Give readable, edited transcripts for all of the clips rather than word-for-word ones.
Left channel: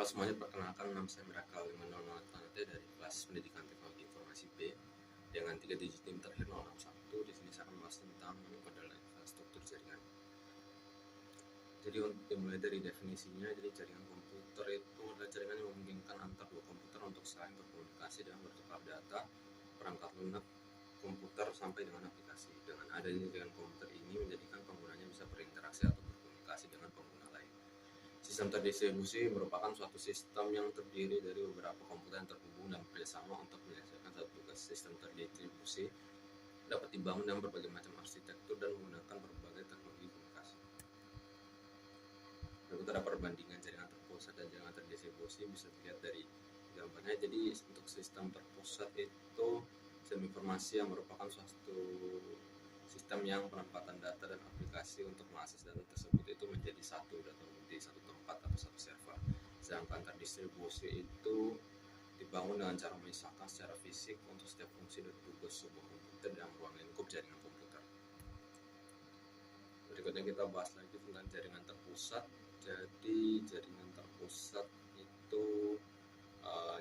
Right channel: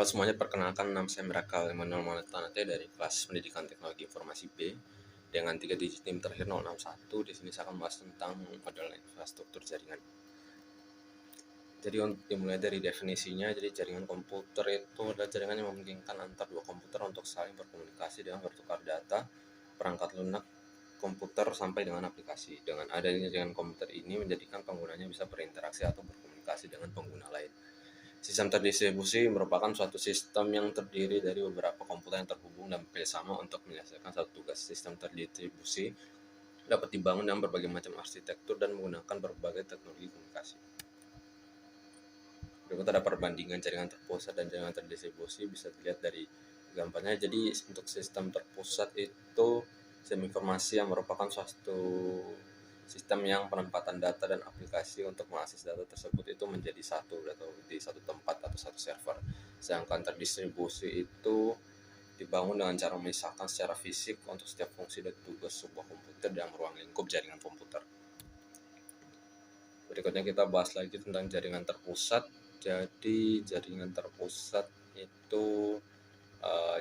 Halo semuanya, perkenalkan nama saya Mirakal Emanuel Maulana dari kelas Pendidikan Teknologi Informasi B dengan 3 digit NIM terakhir 061. Di sini saya akan membahas tentang model infrastruktur jaringan. Jadi untuk dimulai dari definisinya, jadi jaringan komputer itu adalah jaringan yang memungkinkan antar dua komputer untuk saling berkomunikasi dengan bertukar data, perangkat lunak komputer sampai dengan aplikasi. Dengan adanya jaringan komputer ini menjadikan penggunanya bisa berinteraksi atau berkomunikasi dengan pengguna lain. Sistem terdistribusi merupakan suatu sistem yang terdiri dari beberapa komputer yang terhubung dan bekerjasama untuk menyelesaikan satu tugas. Sistem terdistribusi dapat dibangun dengan berbagai macam arsitektur dan menggunakan berbagai teknologi komunikasi. Berikut ada perbandingan jaringan terpusat dan jaringan terdistribusi, bisa dilihat dari gambarnya. Jadi untuk sistem terpusat itu sistem informasi yang merupakan suatu sistem yang penempatan data dan aplikasi untuk mengakses data tersebut itu menjadi satu atau di satu tempat atau satu server. Sedangkan terdistribusi itu dibangun dengan cara memisahkan secara fisik untuk setiap fungsi dan tugas sebuah komputer dalam ruang lingkup jaringan komputer. Berikutnya kita bahas lagi tentang jaringan terpusat. Jadi jaringan terpusat itu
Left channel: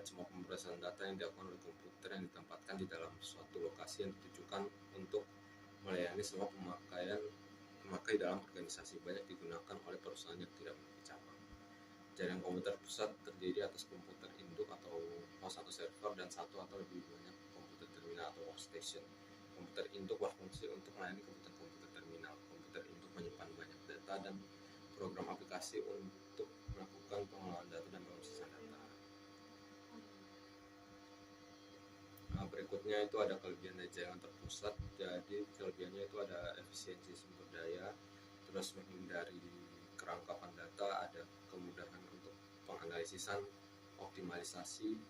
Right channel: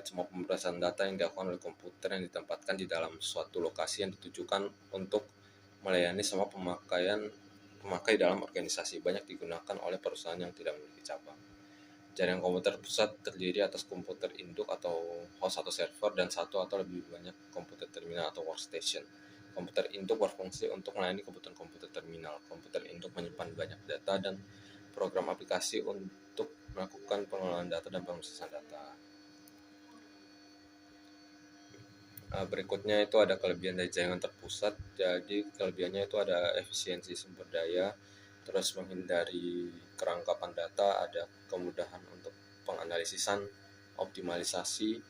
cuma pemrosesan data yang dilakukan oleh komputer yang ditempatkan di dalam suatu lokasi yang ditujukan untuk melayani semua pemakai dalam organisasi. Banyak digunakan oleh perusahaan yang tidak memiliki cabang. Jaringan komputer pusat terdiri atas komputer induk atau host atau server dan satu atau lebih banyak komputer terminal atau workstation. Komputer induk berfungsi untuk melayani komputer terminal. Komputer induk menyimpan banyak data dan program aplikasi untuk melakukan pengelolaan data dan pemrosesan data. Berikutnya itu ada kelebihan dari jaringan terpusat. Jadi kelebihannya itu ada efisiensi sumber daya, terus menghindari kerangkapan data, ada kemudahan untuk penganalisisan, optimalisasi,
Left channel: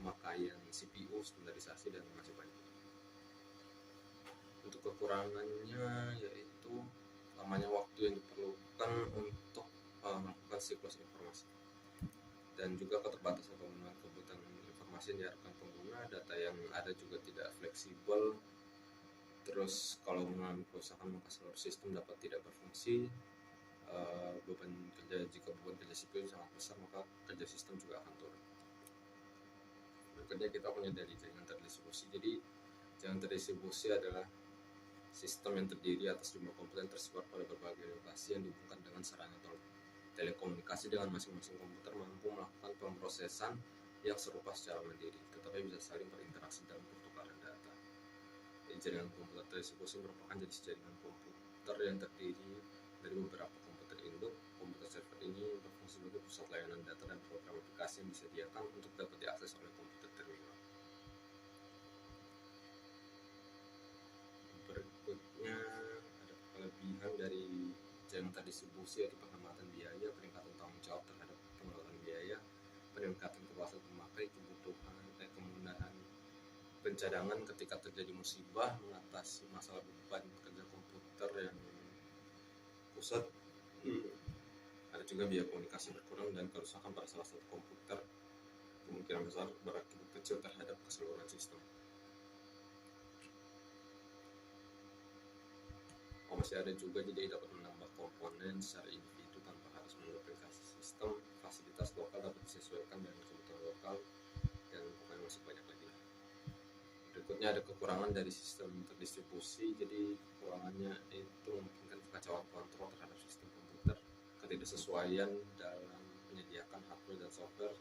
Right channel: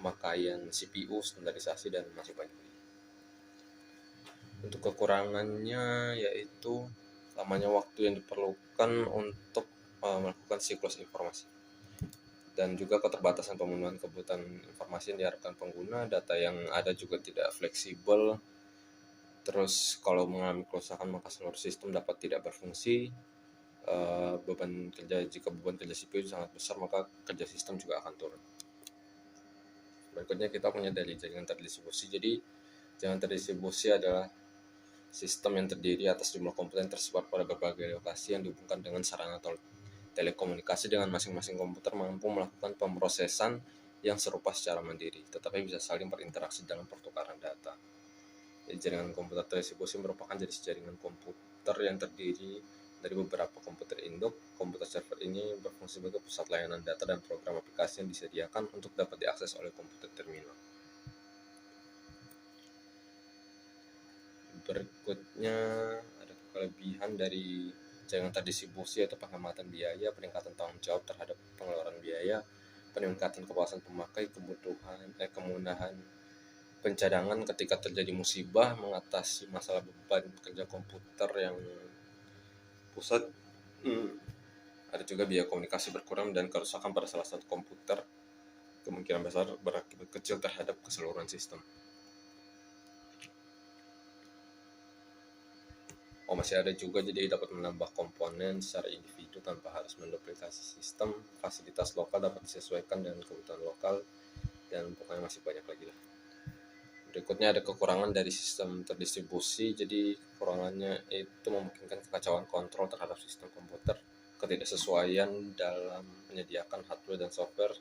pemakaian CPU, standarisasi, dan masih banyak lagi. Untuk kekurangannya yaitu lamanya waktu yang diperlukan untuk melakukan siklus informasi, dan juga keterbatasan pemenuhan kebutuhan informasi yang diharapkan pengguna. Data yang ada juga tidak fleksibel. Terus kalau mengalami kerusakan maka seluruh sistem dapat tidak berfungsi. Jika beban kerja CPU sangat besar maka kerja sistem juga akan turun. Berikutnya kita punya dari jaringan terdistribusi. Jadi jaringan terdistribusi adalah sistem yang terdiri atas jumlah komputer yang tersebar pada berbagai lokasi yang dihubungkan dengan sarana telekomunikasi. Dengan masing-masing komputer mampu melakukan pemrosesan yang serupa secara mandiri, tetapi bisa saling berinteraksi dalam pertukaran data. Jadi jaringan komputer terdistribusi merupakan jenis jaringan komputer yang terdiri dari beberapa komputer induk. Komputer server ini berfungsi sebagai pusat layanan data dan program aplikasi yang disediakan untuk dapat diakses oleh komputer terminal. Berikutnya ada kelebihan dari jaringan terdistribusi yaitu penghematan biaya, peningkatan tanggung jawab terhadap pengeluaran biaya, peningkatan kepuasan pemakai, kemudahan pencadangan ketika terjadi musibah, mengatasi masalah beban kerja komputer yang pusat. Ada juga biaya komunikasi berkurang dan kerusakan pada salah satu komputer kemungkinan besar berakibat kecil terhadap keseluruhan sistem. Masih ada juga, jadi dapat menambah komponen secara individu tanpa harus menduplikasi sistem. Fasilitas lokal dapat disesuaikan dengan kebutuhan lokal, dan pokoknya masih banyak lagi lah. Berikutnya ada kekurangan dari sistem terdistribusi. Jadi kekurangannya itu memungkinkan kekacauan kontrol terhadap sistem komputer, ketidaksesuaian dalam menyediakan hardware dan software,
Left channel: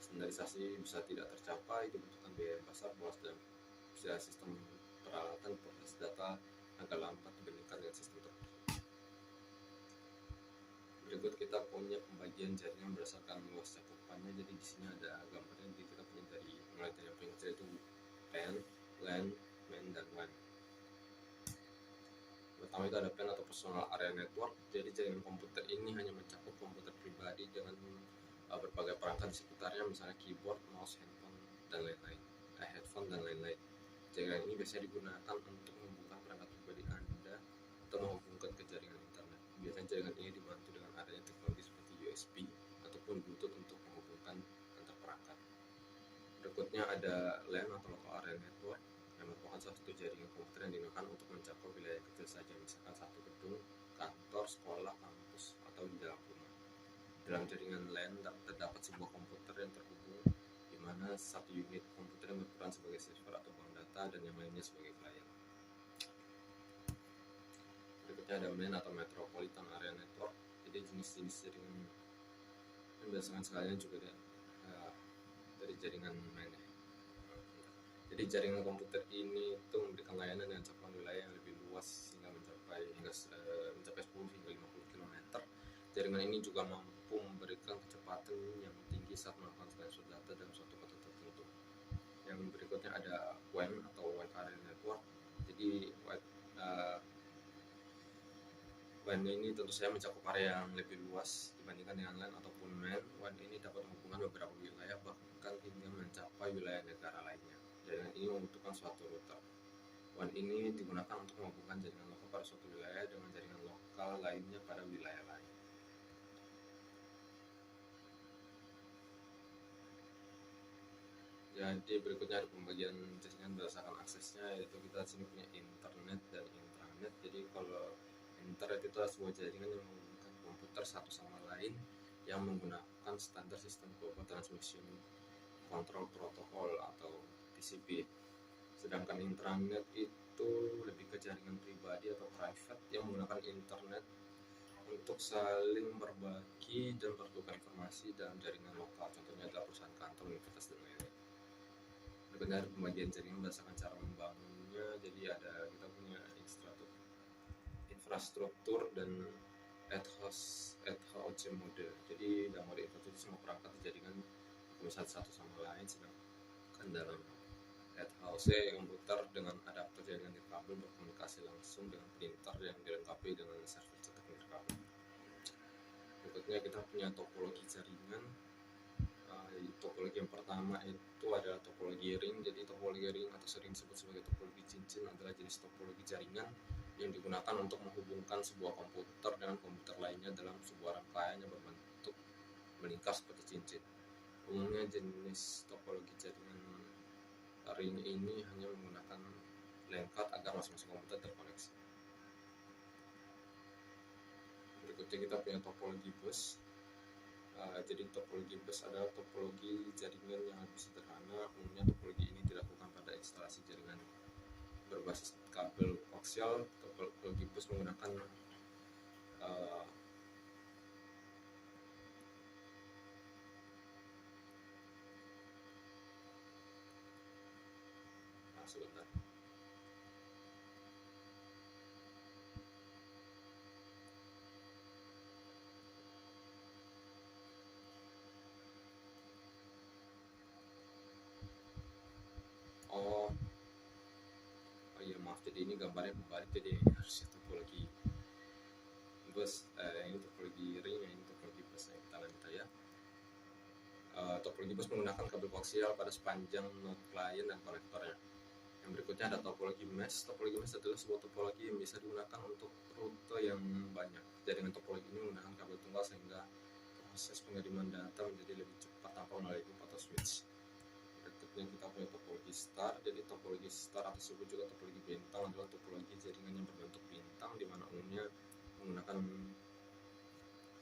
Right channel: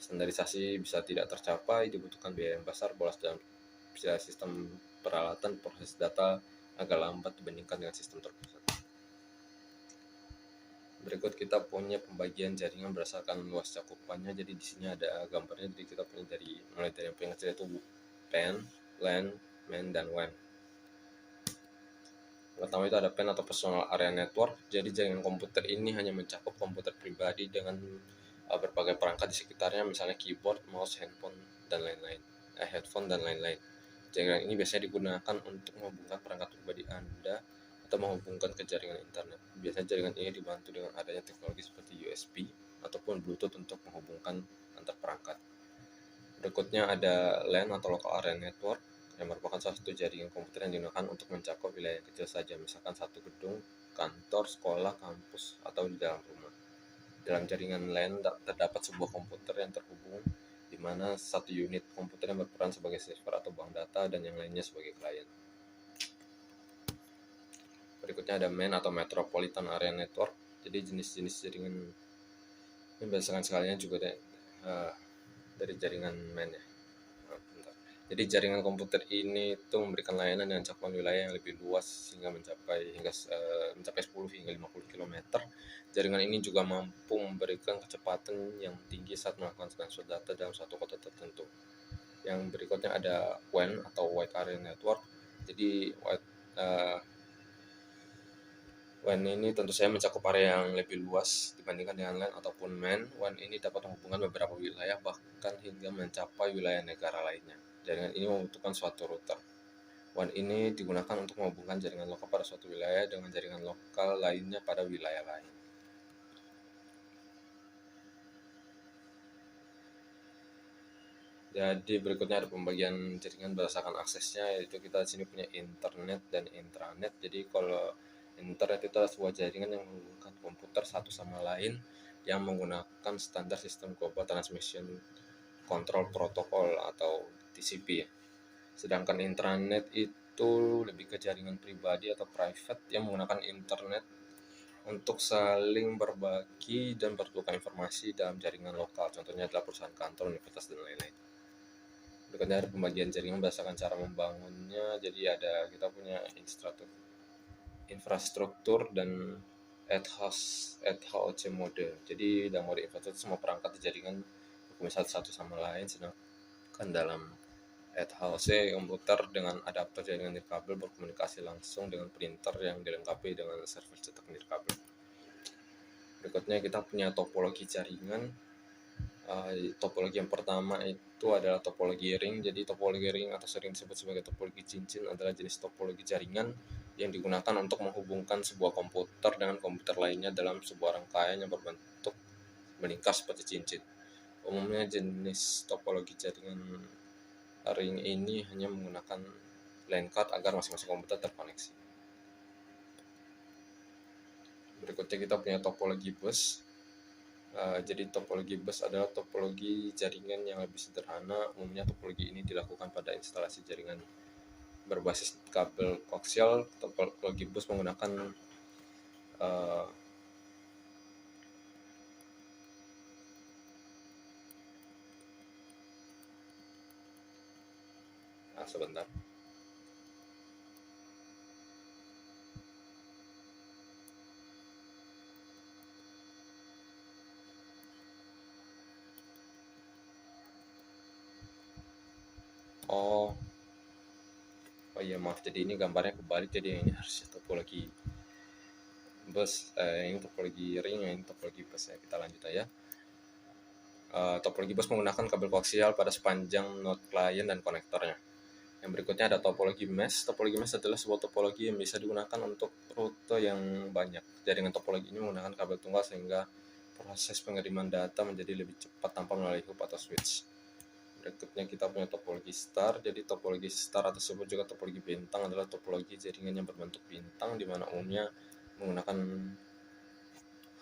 standarisasi bisa tidak tercapai, dibutuhkan biaya yang besar, bolos dalam sistem peralatan, proses data agak lambat dibandingkan dengan sistem terpusat. Berikut kita punya pembagian jaringan berdasarkan luas cakupannya. Jadi di sini ada gambarnya. Jadi kita punya mulai dari yang paling kecil itu PAN, LAN, MAN, dan WAN. Pertama itu ada PAN atau Personal Area Network. Jadi jaringan komputer ini hanya mencakup komputer pribadi dengan berbagai perangkat di sekitarnya, misalnya keyboard, mouse, headphone, dan lain-lain. Jaringan ini biasanya digunakan untuk menghubungkan perangkat pribadi Anda atau menghubungkan ke jaringan internet. Biasanya jaringan ini dibantu dengan adanya teknologi seperti USB ataupun Bluetooth untuk menghubungkan antar perangkat. Berikutnya ada LAN atau Local Area Network, yang merupakan salah satu jaringan komputer yang digunakan untuk mencakup wilayah kecil saja, misalkan satu gedung, kantor, sekolah, kampus, atau di dalam rumah. Dalam jaringan LAN terdapat sebuah komputer yang terhubung, di mana satu unit komputer yang berperan sebagai server atau bank data dan yang lainnya sebagai klien. Berikutnya ada MAN atau Metropolitan Area Network. Jadi jenis-jenis jaringan ini berdasarkan sekalian juga dari jaringan MAN ya. Jadi jaringan komputer ini itu memberikan layanan dengan cakupan wilayah yang lebih luas sehingga mencapai 10 hingga 50 km. Jaringan ini juga mampu memberikan kecepatan yang tinggi saat melakukan transfer data dalam suatu kota tertentu. Yang berikutnya ada WAN atau Wide Area Network. Jadi WAN ini tentu saja mencakup area yang lebih luas dibandingkan dengan LAN ataupun MAN. WAN ini dapat menghubungkan beberapa wilayah bahkan hingga mencapai wilayah negara lainnya. Jaringan ini membutuhkan suatu router. WAN ini digunakan untuk menghubungkan jaringan lokal pada suatu wilayah dengan jaringan lokal lainnya pada wilayah lain. Jadi berikutnya ada pembagian jaringan berdasarkan aksesnya, yaitu kita di sini punya internet dan intranet. Jadi kalau internet itu adalah sebuah jaringan yang menghubungkan komputer satu sama lain yang menggunakan standar sistem Global Transmission Control Protocol atau TCP. Sedangkan intranet itu lebih ke jaringan pribadi atau private yang menggunakan internet untuk saling berbagi dan bertukar informasi dalam jaringan lokal. Contohnya adalah perusahaan kantor, universitas, dan lain-lain. Berikutnya ada pembagian jaringan berdasarkan cara membangunnya. Jadi kita punya infrastruktur dan ad hoc mode. Jadi dalam mode infrastruktur semua perangkat di jaringan berhubungan satu sama lain, sedangkan dalam ad hoc komputer dengan adapter jaringan nirkabel berkomunikasi langsung dengan printer yang dilengkapi dengan server cetak nirkabel. Berikutnya kita punya topologi jaringan. Topologi yang pertama itu adalah topologi ring. Jadi topologi ring atau sering disebut sebagai topologi cincin adalah jenis topologi jaringan yang digunakan untuk menghubungkan sebuah komputer dengan komputer lainnya dalam sebuah rangkaian yang berbentuk melingkar seperti cincin. Umumnya jenis topologi jaringan ring ini hanya menggunakan LAN card agar masing-masing komputer terkoneksi. Berikutnya kita punya topologi bus. Jadi topologi bus adalah topologi jaringan yang lebih sederhana. Umumnya topologi ini dilakukan pada instalasi jaringan berbasis kabel koaksial. Topologi bus menggunakan sebentar. Oh iya maaf, jadi ini gambarnya kebalik, jadi ini harusnya topologi bus, ini topologi ring, ini topologi bus ya. Kita lanjut aja. Topologi bus menggunakan kabel koaksial pada sepanjang node klien dan konektornya. Yang berikutnya ada topologi mesh. Topologi mesh adalah sebuah topologi yang bisa digunakan untuk rute yang banyak. Jaringan topologi ini menggunakan kabel tunggal sehingga proses pengiriman data menjadi lebih cepat tanpa melalui hub atau switch. Berikutnya kita punya topologi star. Jadi topologi star atau disebut juga topologi bintang adalah topologi jaringan yang berbentuk bintang, di mana umumnya menggunakan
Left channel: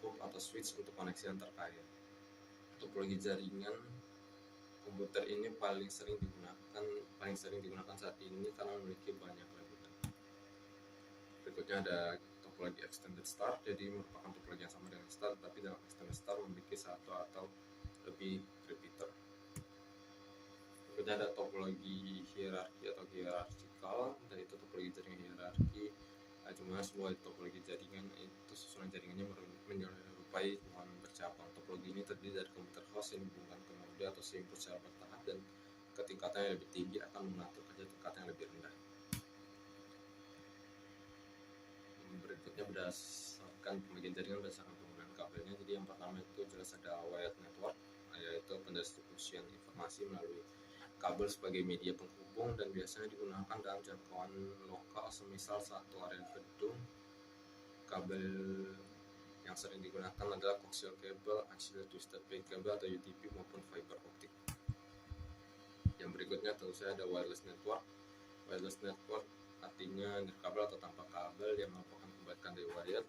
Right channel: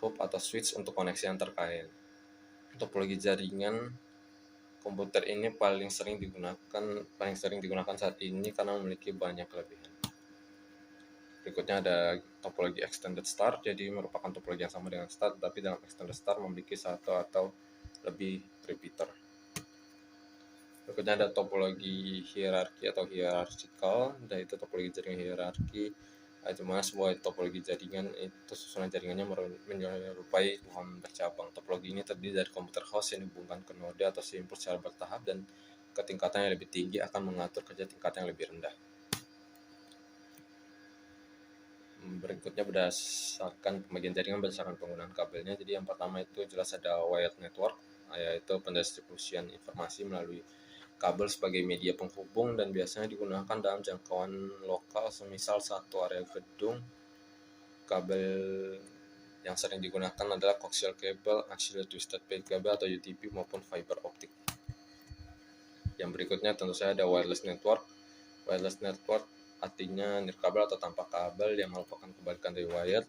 hub atau switch untuk koneksi antar klien. Topologi jaringan komputer ini paling sering digunakan saat ini karena memiliki banyak kelebihan. Berikutnya ada topologi extended star. Jadi merupakan topologi yang sama dengan star, tapi dalam extended star memiliki satu atau lebih repeater. Berikutnya ada topologi hierarki atau hierarchical, yaitu topologi jaringan hierarki. Cuma sebuah topologi jaringan itu susunan jaringannya menyerupai pohon bercabang. Topologi ini terdiri dari komputer host yang dihubungkan ke node atau simpul secara bertahap, dan ketingkatan yang lebih tinggi akan mengatur kerja tingkat yang lebih rendah. Berikutnya berdasarkan pembagian jaringan berdasarkan penggunaan kabelnya. Jadi yang pertama itu jelas ada wired network, yaitu pendistribusian informasi melalui kabel sebagai media penghubung dan biasanya digunakan dalam jangkauan lokal, semisal satu area gedung. Kabel yang sering digunakan adalah coaxial cable, axial twisted pair cable atau UTP maupun fiber optik. Yang berikutnya tentu saja ada wireless network. Wireless network artinya nirkabel atau tanpa kabel yang merupakan kebalikan dari wired.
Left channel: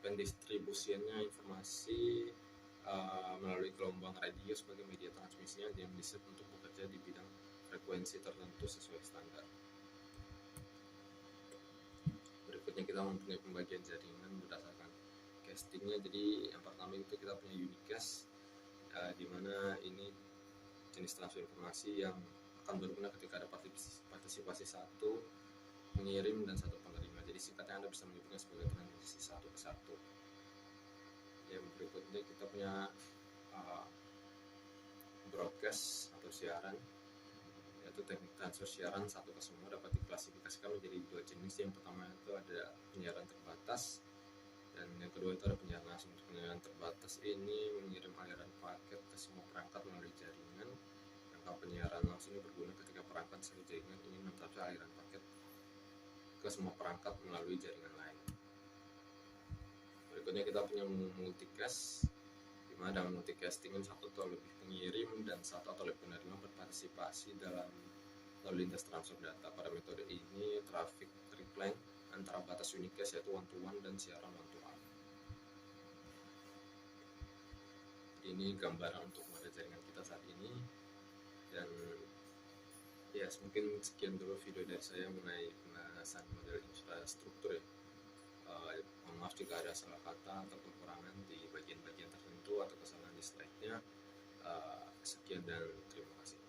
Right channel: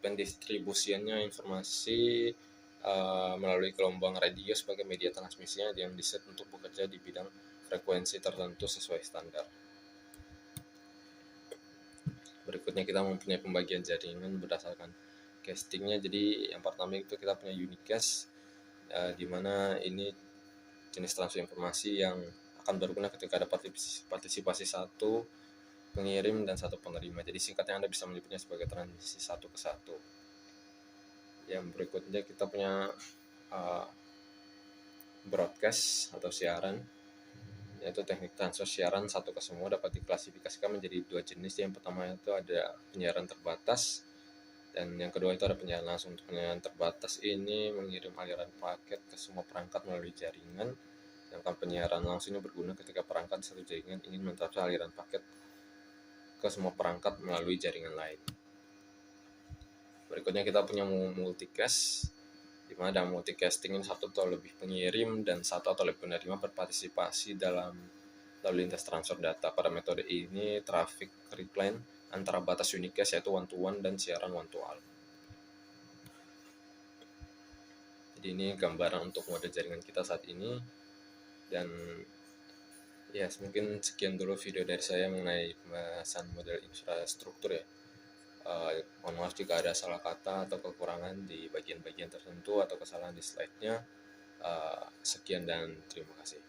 pendistribusiannya informasi melalui gelombang radio sebagai media transmisinya yang diset untuk bekerja di bidang frekuensi tertentu sesuai standar. Berikutnya kita mempunyai pembagian jaringan berdasarkan castingnya. Jadi yang pertama itu kita punya unicast, di mana ini jenis transfer informasi yang akan berguna ketika ada partisipasi satu pengirim dan satu penerima. Jadi singkatnya Anda bisa menyebutnya sebagai transisi satu ke satu. Yang berikutnya kita punya broadcast atau siaran, yaitu teknik transfer siaran satu ke semua dapat diklasifikasikan menjadi dua jenis. Yang pertama itu ada penyiaran terbatas, dan yang kedua itu ada penyiaran langsung. Untuk penyiaran terbatas ini mengirim aliran paket ke semua perangkat melalui jaringan, sedangkan penyiaran langsung ini berguna ketika perangkat satu jaringan ingin mentransfer aliran paket ke semua perangkat melalui jaringan lain. Berikutnya kita punya multicast, di mana dalam multicasting ini satu atau lebih pengirim dan satu atau lebih penerima berpartisipasi dalam lalu lintas transfer data. Pada metode ini traffic recline antara batas unicast yaitu one to one dan siaran one to all. Jadi ini gambaran untuk mode jaringan kita saat ini. Dan ya, mungkin sekian dulu video dari saya mengenai pembahasan model infrastruktur ya. Mohon maaf jika ada salah kata atau kekurangan di bagian-bagian tertentu atau kesalahan di slide-nya. Sekian dan terima kasih.